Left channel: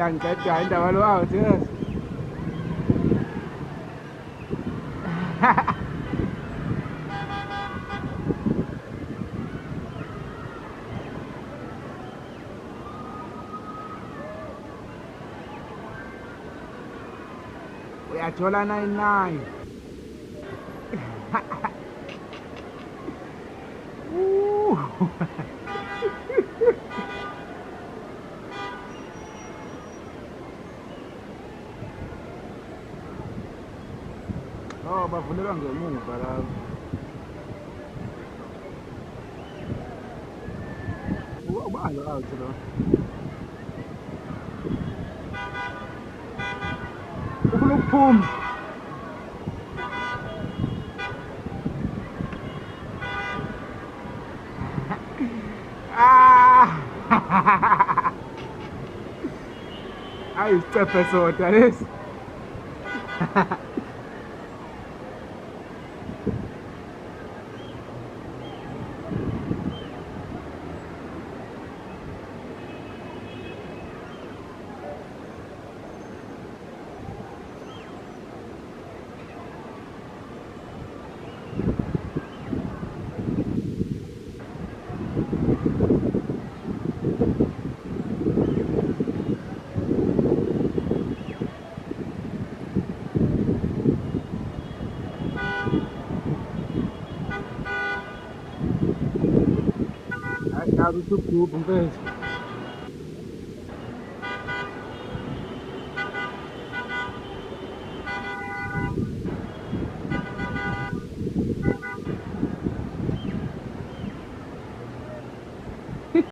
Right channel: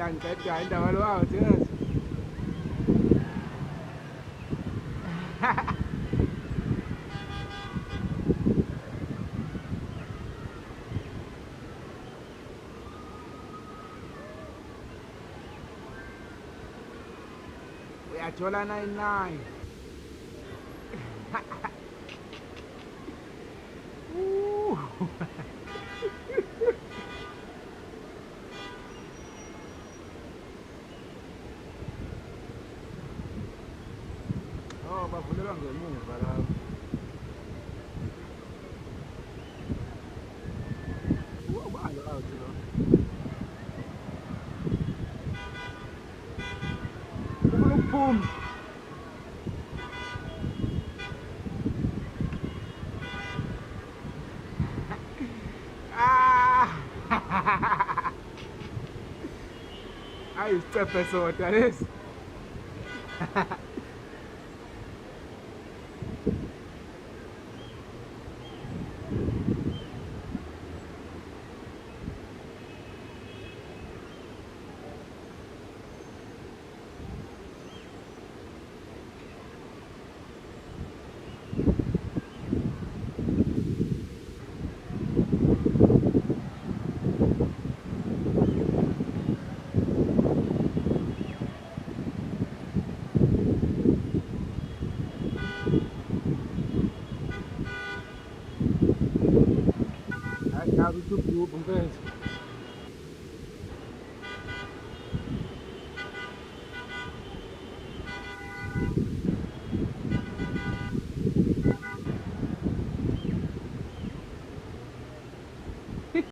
Yang kacau dah malu out serius. Uyachola 99. Oh, bafundela ngemuva lapho. Ubalo out lo. Ufuna ukuphuma. Ayisicephe soda lesi. Nazi usugubha mfethu.